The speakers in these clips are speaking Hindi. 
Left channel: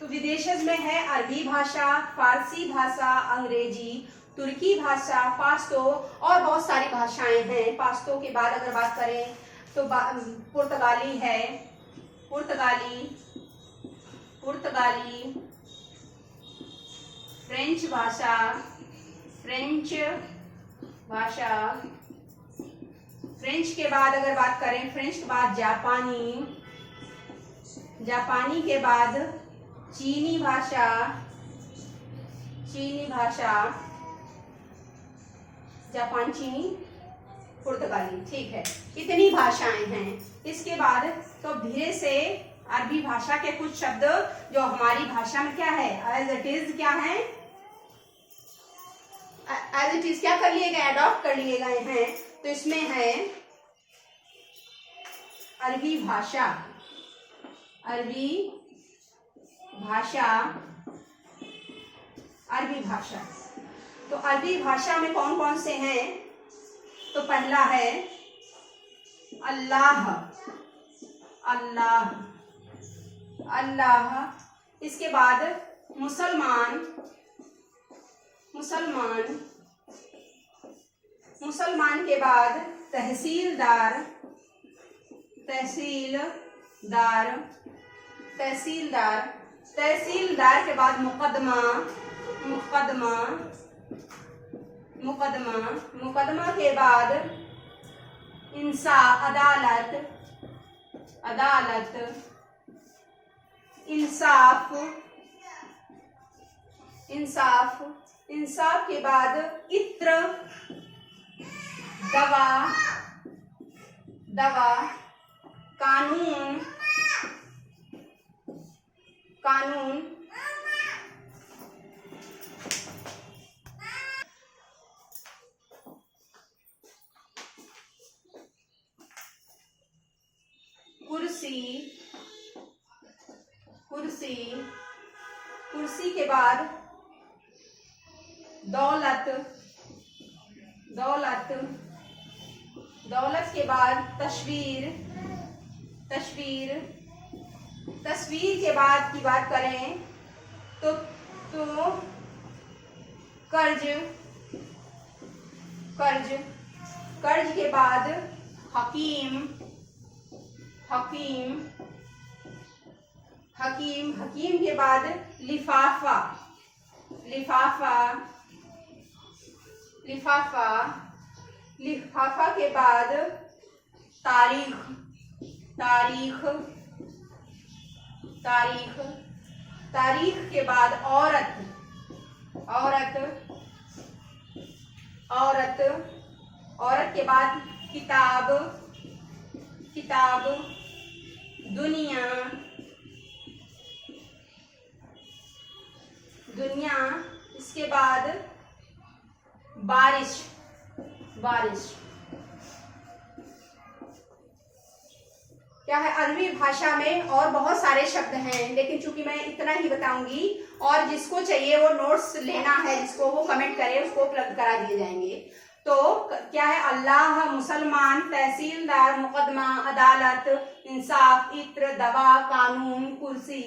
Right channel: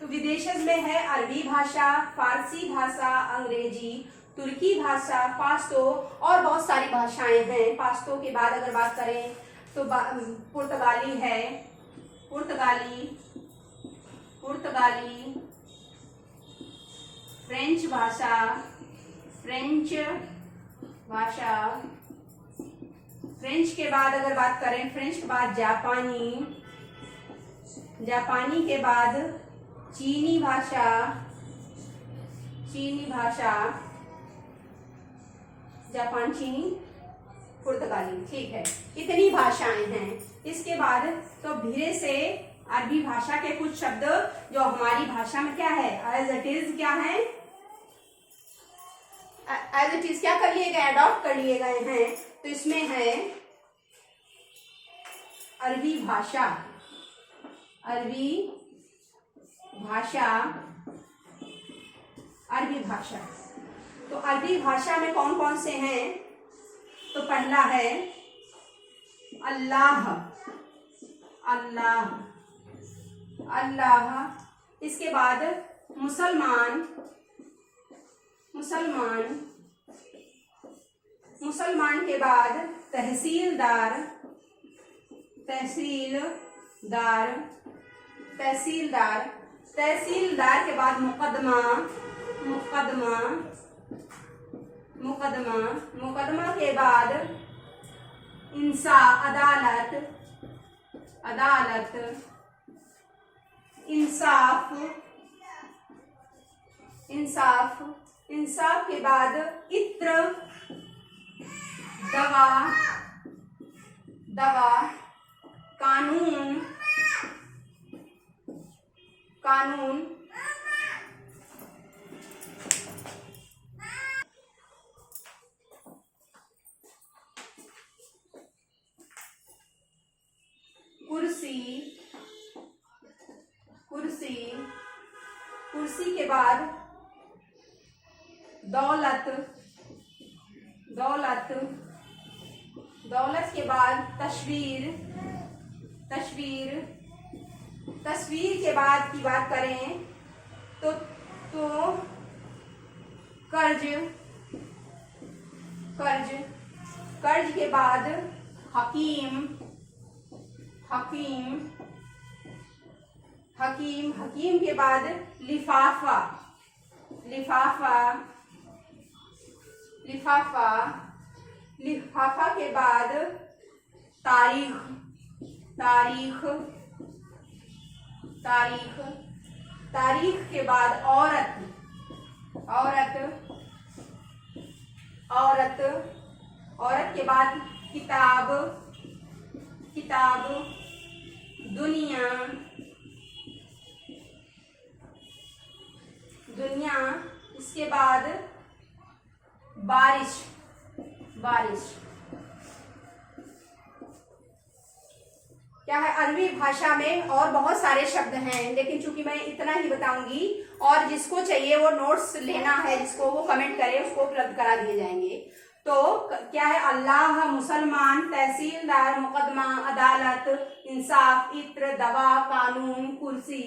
तो विदेशज में है अरबी भाषा, फारसी भाषा, अंग्रेजी, तुर्की भाषा, पाश्तो और बहुत सारी भाषाएं हैं। पाश्तो के बाद अगर बात करें तो पुर्तगाली है, पुर्तगाली, फ्रेंच भाषा, फ्रेंच के बाद अगर बात करें, फ्रेंच के बाद जापानी के बाद चीनी भाषा, जापान, चीनी, पुर्तगाली। ठीक है, इतनी भाषाएं हैं। इसके बाद तो धीरे से अरबी भाषा के कुछ शब्द जो हमारी भाषा में क्या है, एज इट इज क्या है, एज इट इज क्या कर लिए गए, अडॉप्ट कर लिए गए हैं। तो इसमें है अरबी भाषा, तो अरबी भाषा में कौन कौन से हैं? तो पहला है अल्लाह, इसके बाद मुसलमान के बाद तहसीलदार के बाद मुकदमा के बाद अदालत, इंसाफ के बाद इत्र, दवा, कानून, कुर्सी के बाद दौलत के बाद तस्वीर के बाद की बात करें तो कर्ज के बाद हकीम के बाद लिफाफा के बाद तारीख के बाद औरत के बाद किताब, दुनिया, इसके बाद बारिश। क्या है, अरबी भाषा में और बहुत सारे शब्द हैं, लेकिन चूंकि मैं इतना ही बताऊंगी और जिसको चाहिए वो नोट्स लेना है, जिसको वो कमेंट करे उसको उपलब्ध करा दिए जाएंगे। तो क्या है, अल्लाह, मुसलमान, तहसीलदार, मुकदमा, अदालत, इंसाफ, इत्र, दवा, कानून, कुर्सी,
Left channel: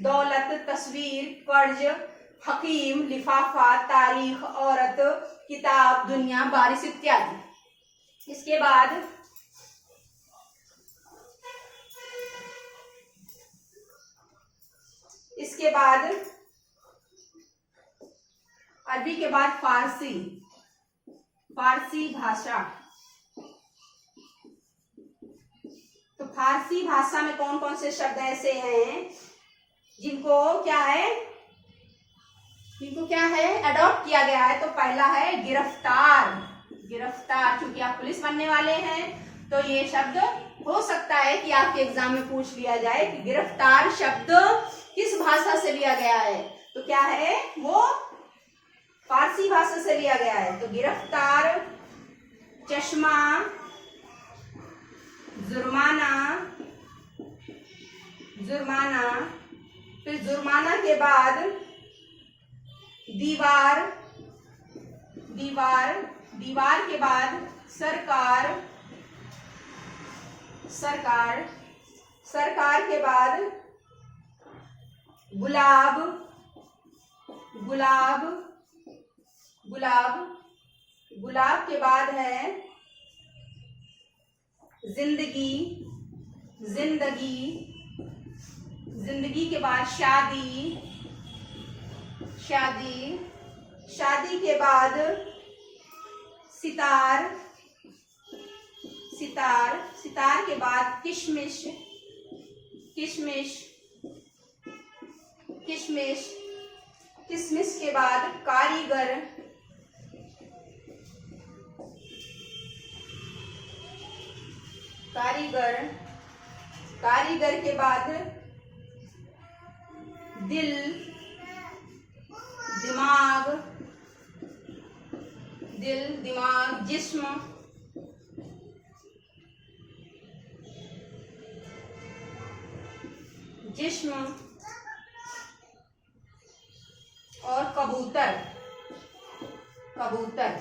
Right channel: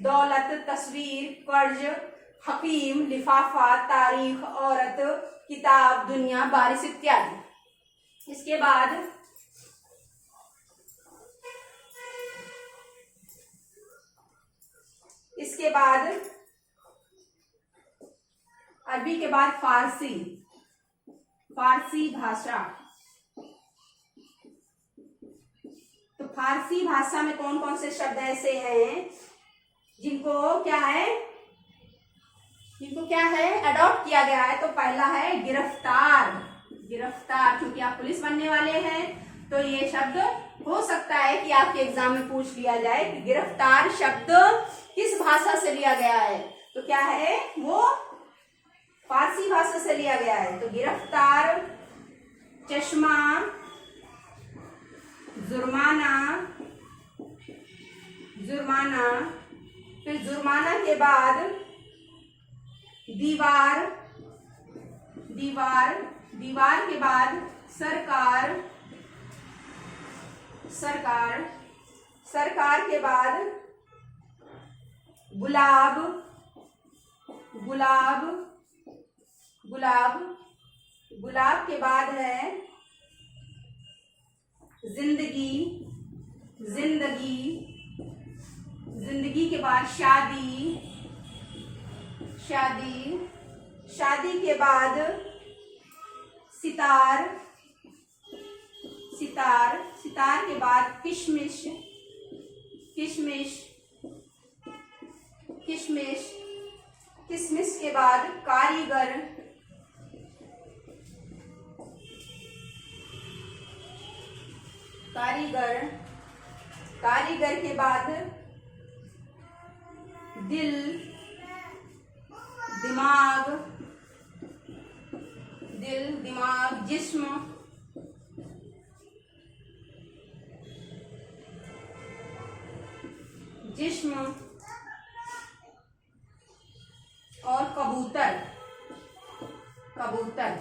दौलत, तस्वीर, कर्ज, हकीम, लिफाफा, तारीख, औरत, किताब, दुनिया, बारिश इत्यादि। इसके बाद अरबी के बाद फारसी भाषा। तो फारसी भाषा में कौन कौन से शब्द ऐसे हैं जिनको क्या है अडॉप्ट किया गया है? तो पहला है गिरफ्तार, क्योंकि आप पुलिस बनने वाले हैं तो ये शब्द हो सकता है कि आपके एग्जाम में पूछ लिया जाए कि गिरफ्तार शब्द किस भाषा से लिया गया है। तो क्या है, वो फारसी भाषा से लिया गया है। तो गिरफ्तार, चश्मा, जुर्माना, फिर जुर्माना के बाद दीवार के बाद सरकार के बाद गुलाब, गुलाब, गुलाब, गुलाब के बाद है जिंदगी, जिंदगी, जिंदगी के बाद शादी, शादी, शादी के बाद सितार, सितार, सितार के बाद किशमिश, किशमिश, किशमिश, किशमिश के बाद कारीगर, कारीगर, कारीगर के बाद दिल, दिमाग, दिल, दिमाग, जिस्म, जिस्म और कबूतर, कबूतर।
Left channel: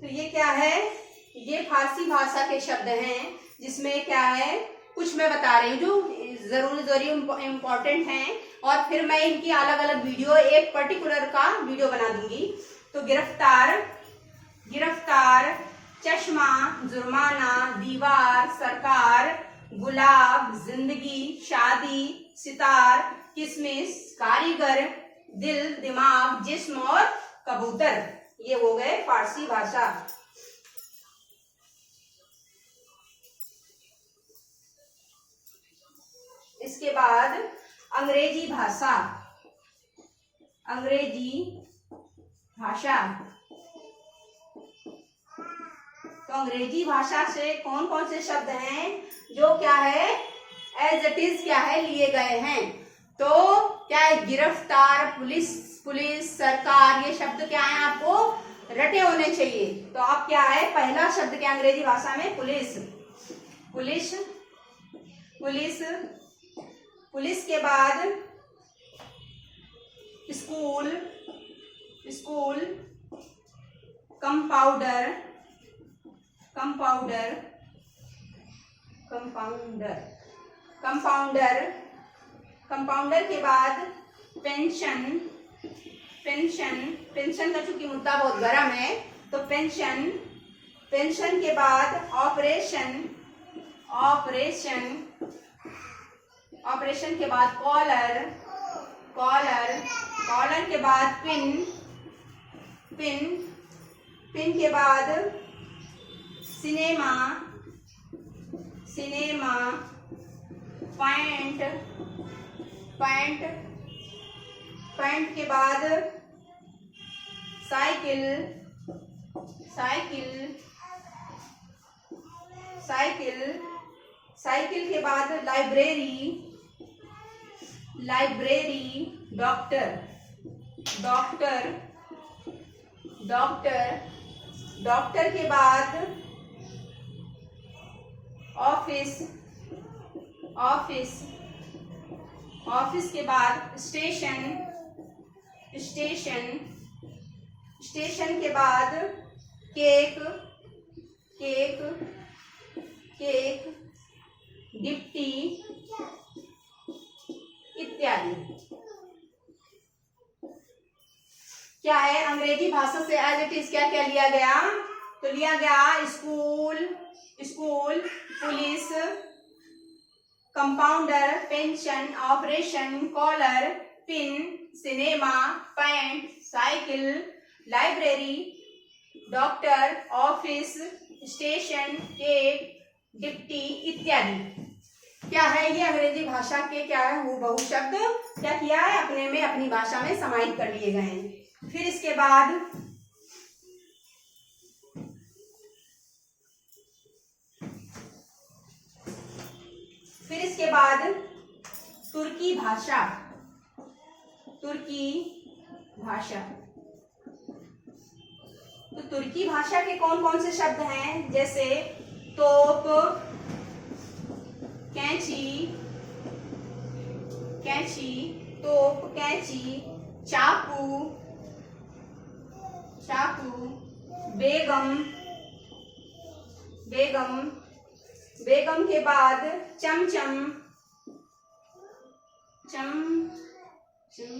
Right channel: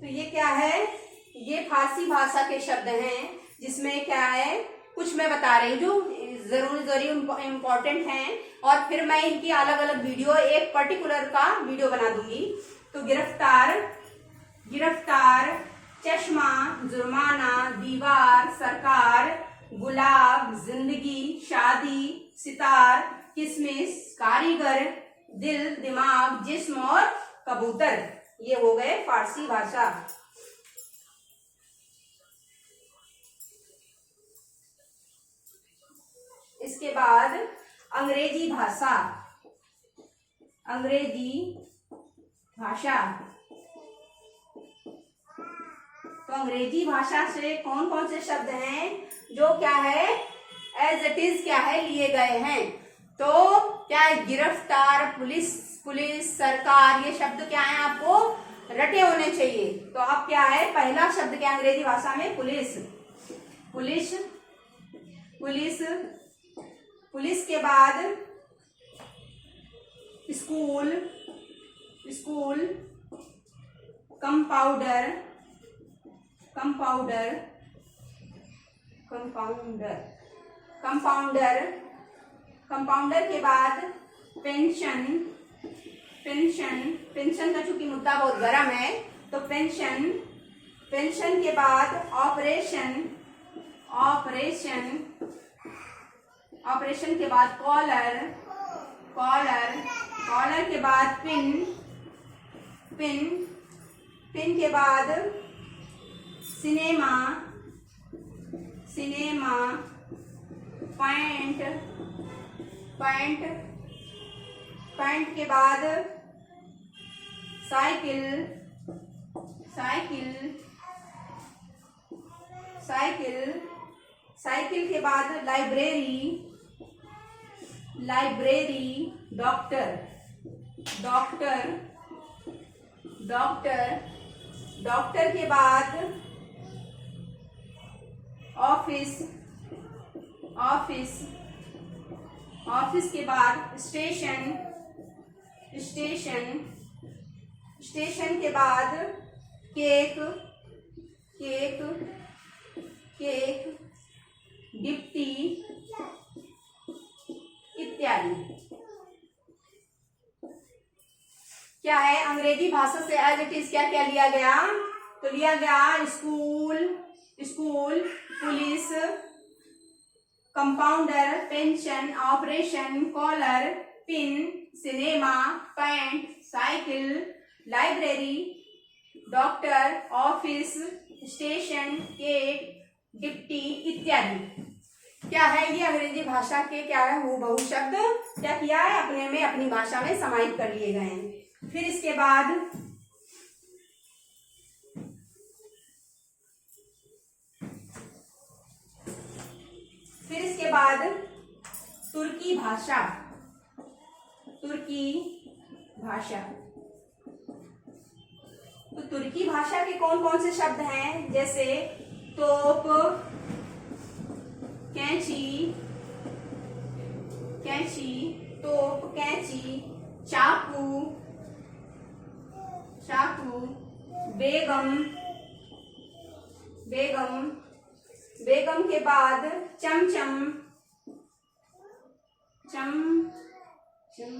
तो ये क्या है, ये फारसी भाषा के शब्द हैं, जिसमें क्या है कुछ मैं बता रही हूँ जो जरूरी इम्पोर्टेंट हैं, और फिर मैं इनकी अलग अलग वीडियो, एक पर्टिकुलर का वीडियो बना दूंगी। तो गिरफ्तार, गिरफ्तार, चश्मा, जुर्माना, दीवार, सरकार, गुलाब, जिंदगी, शादी, सितार, किशमिश, कारीगर, दिल, दिमाग, जिस्म और कबूतर। ये हो गए फारसी भाषा। इसके बाद अंग्रेजी भाषा, अंग्रेजी भाषा। तो अंग्रेजी भाषा से कौन कौन से शब्द हैं जो क्या है एज इट इज क्या है लिए गए हैं। तो क्या है, गिरफ्तार, पुलिस, पुलिस, सरकार, ये शब्द क्या है आपको रटे होने चाहिए। तो अब क्या है, पहला शब्द क्या अंग्रेजी भाषा में, पुलिस, पुलिस, पुलिस, पुलिस के बाद school, school, compounder, compounder, compounder, compounder, compounder के बाद पेंशन, पेंशन, पेंशन का चूंकि मुद्दा बहुत गर्म है तो पेंशन, पेंशन के बाद ऑपरेशन, ऑपरेशन, ऑपरेशन के बाद कॉलर, कॉलर, कॉलर के बाद पिन, पिन, पिन के बाद cinema, cinema, pant, pant, pant के बाद साइकिल, साइकिल, साइकिल, साइकिल के बाद library, library, doctor, doctor, doctor, doctor के बाद ऑफिस, ऑफिस, ऑफिस के बाद स्टेशन, स्टेशन, स्टेशन के बाद केक, केक, केक, डिप्टी इत्यादि। क्या है, अंग्रेजी भाषा से एज इट इज क्या क्या लिया गया, तो लिया गया school, school, police, compounder, pension, operation, collar, pin, cinema, pant, cycle, library, doctor, office, station, cake, deputy इत्यादि। क्या है, ये अंग्रेजी भाषा के क्या है हूबहू शब्द क्या किया है, अपने में अपनी भाषा में समाहित कर लिए गए हैं। फिर इसके बाद तुर्की भाषा, तुर्की भाषा। तो तुर्की भाषा के कौन कौन से शब्द हैं, जैसे तोप, कैंची, कैंची, तोप, कैंची, चाकू, चाकू, बेगम, बेगम, बेगम के बाद चमचम, चम चम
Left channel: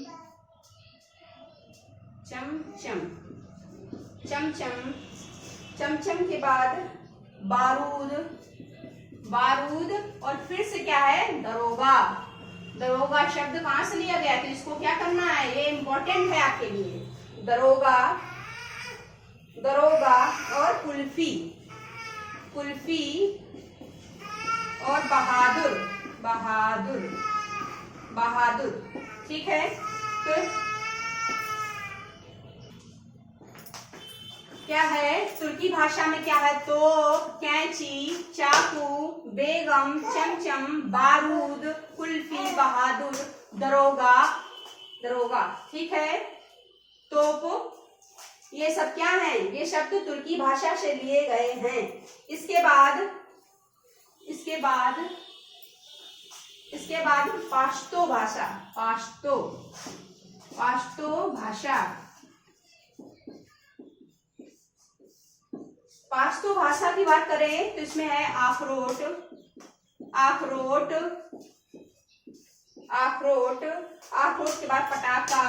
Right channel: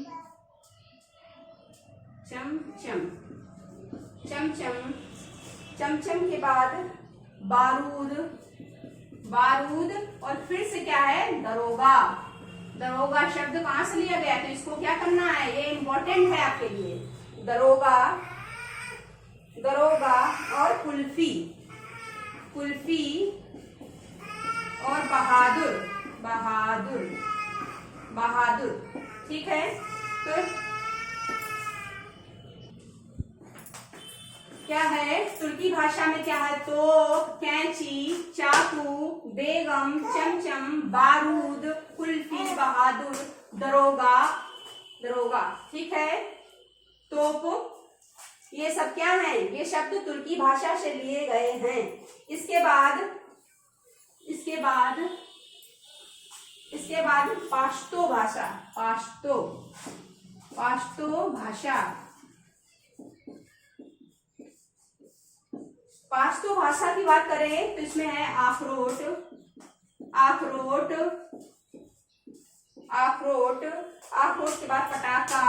चम चम चमचम, चमचम के बाद बारूद, बारूद, और फिर से क्या है, दरोगा। दरोगा शब्द कहां से लिया गया, तो इसको क्या करना है, ये इंपॉर्टेंट है आपके लिए। दरोगा, दरोगा, और कुल्फी, कुल्फी, और बहादुर, बहादुर, बहादुर। ठीक है, तो क्या है, तुर्की भाषा में क्या है, तोप, कैंची, चाकू, बेगम, चमचम, बारूद, कुल्फी, बहादुर, दरोगा, दरोगा। ठीक है, तोप, ये सब क्या है, ये शब्द तुर्की भाषा से लिए गए हैं। इसके बाद पाश्तो भाषा, पाश्तो, पाश्तो भाषा, पाश्तो भाषा की बात करें तो इसमें है अखरोट, अखरोट, अखरोट, अखरोट के बाद पटाखा,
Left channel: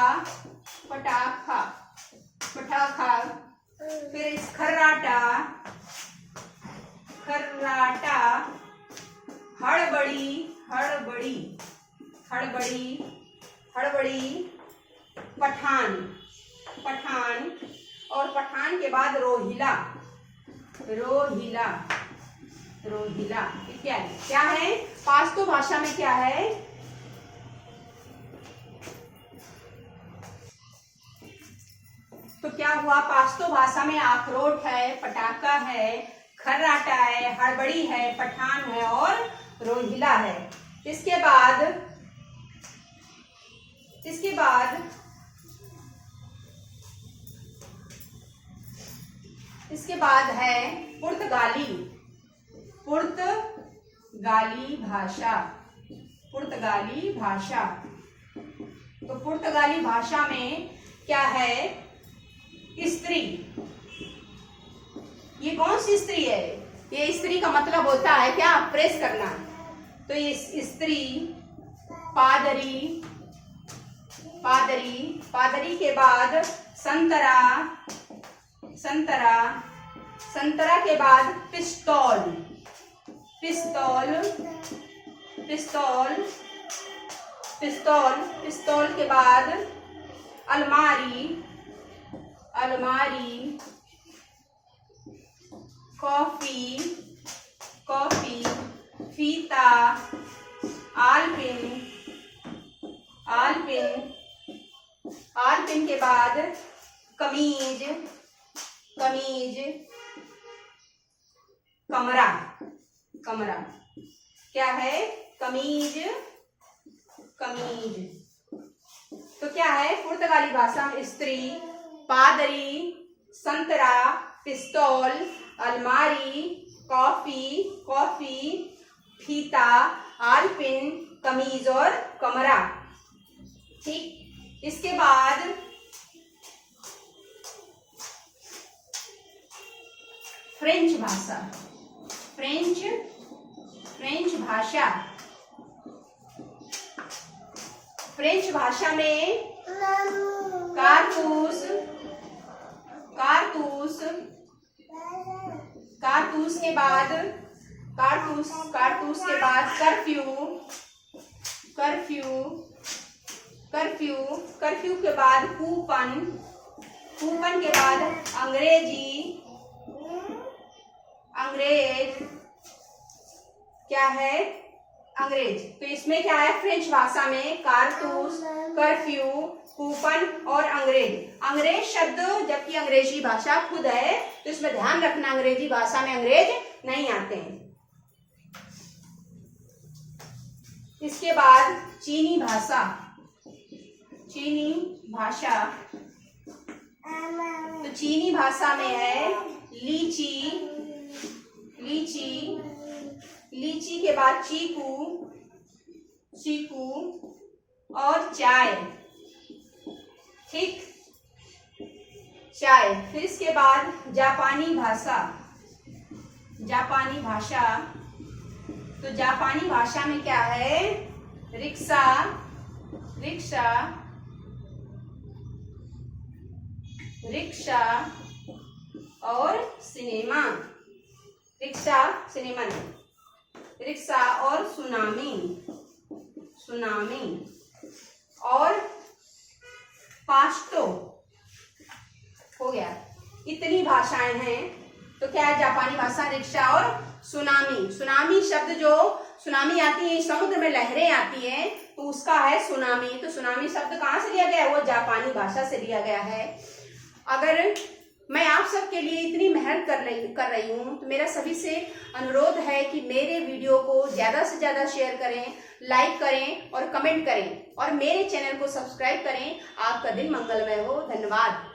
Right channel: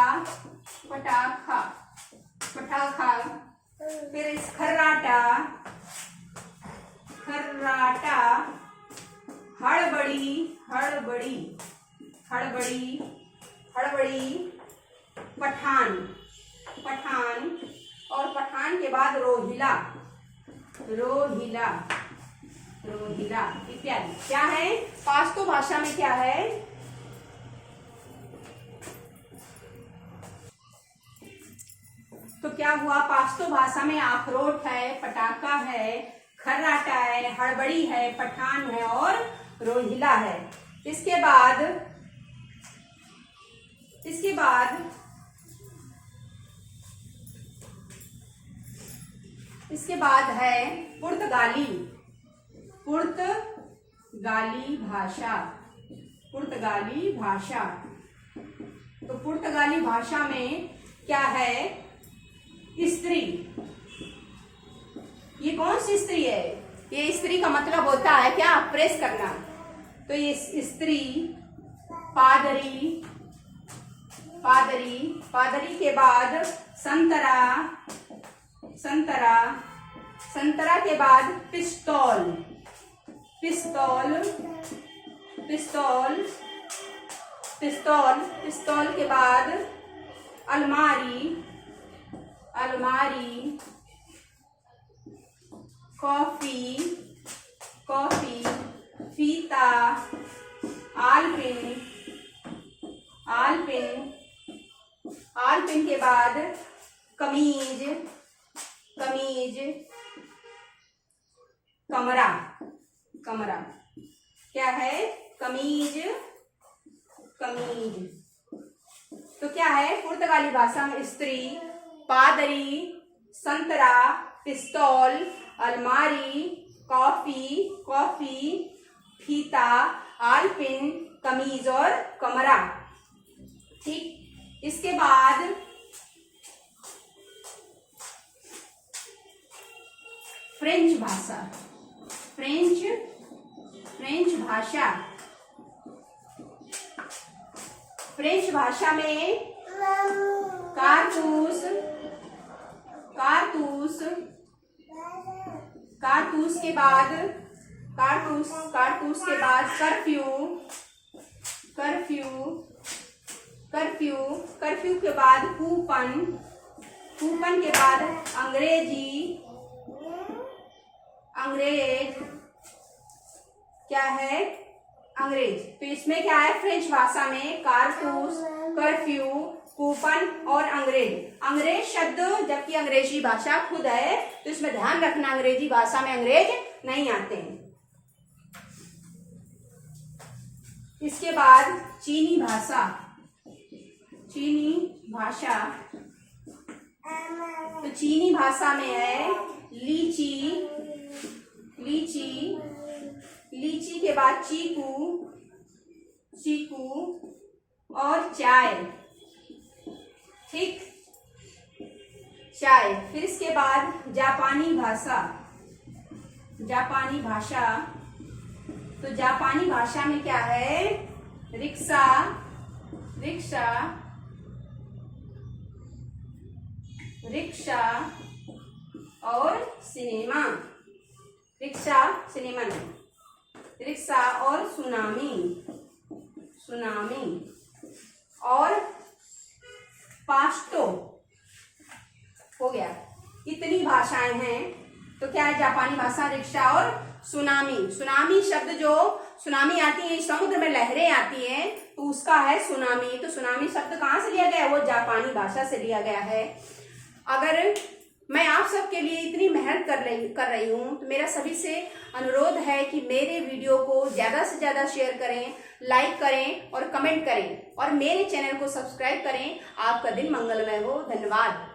पटाखा, पटाखा, फिर इस खर्राटा, खर्राटा, हड़बड़ी, हड़बड़ी, हड़बड़ी, हड़बड़ी, पठान, पठान, और पठान के बाद रोहिला, रोहिला, रोहिला इत्यादि। क्या है, पाश्तो भाषा में क्या है, तो क्या हुआ, पाश्तो भाषा में अखरोट है, पटाखा है, खर्राटा है, हड़बड़ी है, पठान है, और रोहिला है। इसके बाद है पुर्तगाली, पुर्तगाली भाषा, पुर्तगाली भाषा। तो पुर्तगाली भाषा में क्या है, स्त्री। ये कौन सी स्त्री है, ये स्त्री का मतलब होता है क्या, प्रेस करना। तो ये स्त्री, पादरी, पादरी, पादरी के बाद संतरा, संतरा, संतरा के बाद पिस्तौल, पिस्तौल, पिस्तौल, पिस्तौल, पिस्तौल के बाद अलमारी, अलमारी, कॉफी, कॉफी, फीता, आलपिन, आलपिन, आलपिन के बाद कमीज, कमीज, कमरा, कमरा। क्या है, कमीज, कमीज। तो क्या है, पुर्तगाली भाषा में स्त्री, पादरी, संतरा, पिस्तौल, अलमारी, कॉफी, कॉफी, फीता, आलपिन, कमीज और कमरा। ठीक, इसके बाद फ्रेंच भाषा, फ्रेंच, फ्रेंच भाषा। फ्रेंच भाषा में कारतूस, कारतूस, कारतूस के बाद कारतूस, कारतूस के बाद कर्फ्यू, कर्फ्यू, कर्फ्यू, कर्फ्यू के बाद कूपन, कूपन के बाद अंग्रेजी, अंग्रेज। क्या है, अंग्रेज। तो इसमें क्या है, फ्रेंच भाषा में कारतूस, कर्फ्यू, कूपन और अंग्रेज। अंग्रेज शब्द जबकि अंग्रेजी भाषा खुद है, तो इसमें ध्यान रखना अंग्रेजी भाषा में अंग्रेज नहीं आते हैं। इसके बाद चीनी भाषा, चीनी भाषा। तो चीनी भाषा में है लीची, लीची, लीची के बाद चीकू, चीकू और चाय। ठीक, चाय। फिर इसके बाद जापानी भाषा, जापानी भाषा। तो जापानी भाषा में क्या है, रिक्शा, रिक्शा, रिक्शा और सिनेमा। रिक्शा सिनेमा नहीं, रिक्शा और सुनामी, सुनामी और पास्टो हो गया। इतनी भाषाएं हैं। तो क्या है जापानी भाषा? रिक्शा और सुनामी। सुनामी शब्द, जो सुनामी आती है समुद्र में लहरें आती हैं, तो उसका है सुनामी। तो सुनामी शब्द कहाँ से लिया गया है? वो जापानी भाषा से लिया गया है। अगर मैं आप सबके लिए इतनी मेहनत कर रही हूँ तो मेरा सभी से अनुरोध है कि मेरे वीडियो को ज़्यादा से ज़्यादा शेयर करें, लाइक करें और कमेंट करें और मेरे चैनल को सब्सक्राइब करें। आपका दिन मंगलमय हो। धन्यवाद।